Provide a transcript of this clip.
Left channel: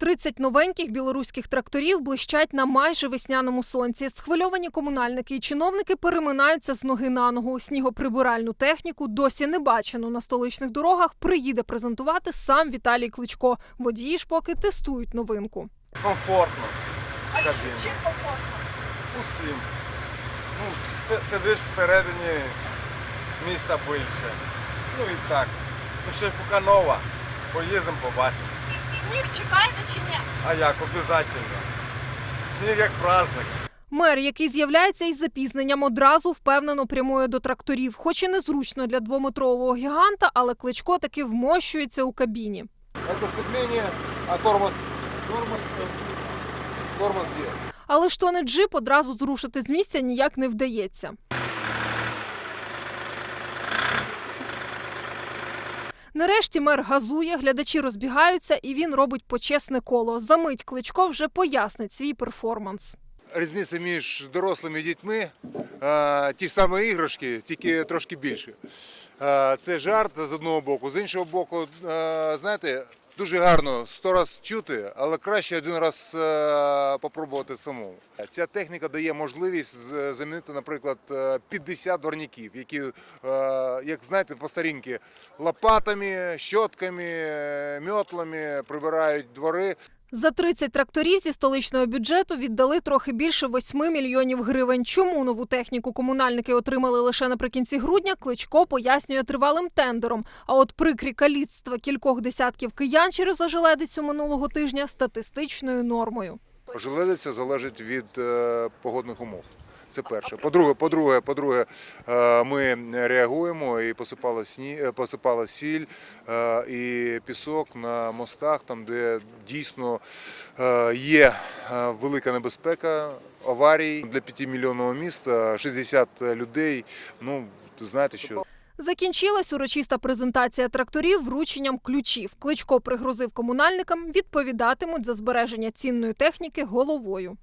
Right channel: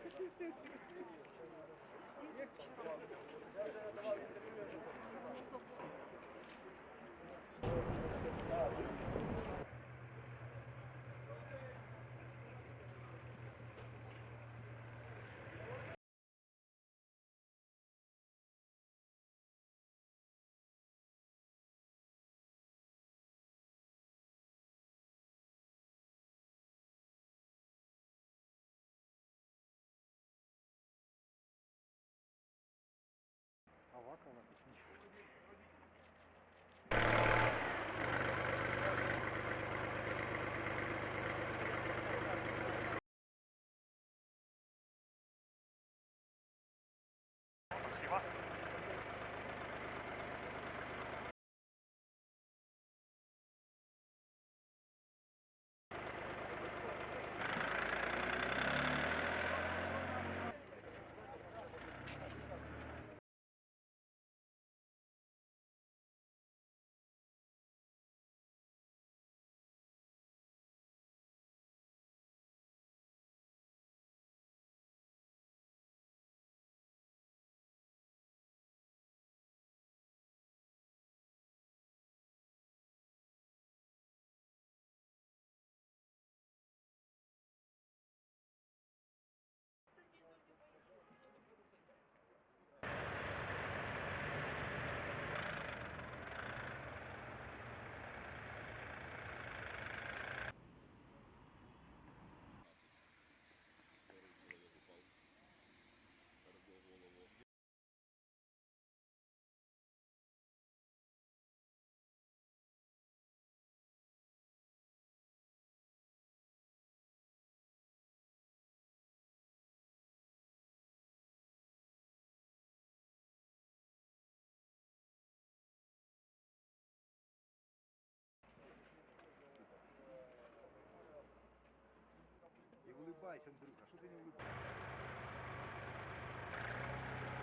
30 новеньких білоруських тракторів блищать на майже весняному сонці. Схвильовані комунальники і чиновники переминаються з ноги на ногу. Снігоприбиральну техніку досі не бачено на столичних дорогах. Приїде презентувати сам Віталій Кличко. Водії ж поки тестують новинку. комфортно. А чим, чим комфортно? Усім. Ну, сидиш всередині міста більше. Ну і так. Ну ще поки нова. Поїздимо, побачимо. Сніг чекаєте чи ні? А як, обов'язково. Сніг як праздник. Мер, який з'являється із запізненням, одразу впевнено прямує до тракторів. Хоч і незручно для двометрового гіганта, але Кличко таки вмощується у кабіні. Це сцепление, а тормоз. Тормоз, тормоз є. Але ж то не джип одразу зрушити з місця ніяк не вдається. Нарешті мер газує, глядачі розбігаються, і він робить почесне коло. Замить Кличко вже пояснить свій перформанс. Різниця між дорослими і дітьми ті ж самі іграшки, тільки трошки більше. Це жарт з одного боку, з іншого боку, знаєте, дуже гарно сто раз чути, але краще один раз спробувати попробувати самому. Ця техніка дає можливість замінити, наприклад, е, 50 дворників, які, е, як знаєте, по старінки лопатами, щотками, е, мьотлами прибирають двори. За 30 тракторів зі столичного бюджету віддали трохи більше 8 мільйонів гривень. Чому нову техніку комунальники отримали лише наприкінці грудня? Кличко пояснює тривалим тендером. А от прикрі каліцтва кількох десятків киян через ожеледицю минулого тижня статистичною нормою. Желедиця залежить від е, погодних умов. Це перше. По-друге, по-друге, по-друге, е, ми реагуємо і посипала сні, е, посипала сіль е, і пісок на мостах, там де дійсно е, є велика небезпека аварій для 5 мільйонного міста, 60 людей. Ну знаєте, що Закінчилась урочиста презентація тракторів врученням ключів. Кличко пригрозив комунальникам, відповідатимуть за збереження цінної техніки головою.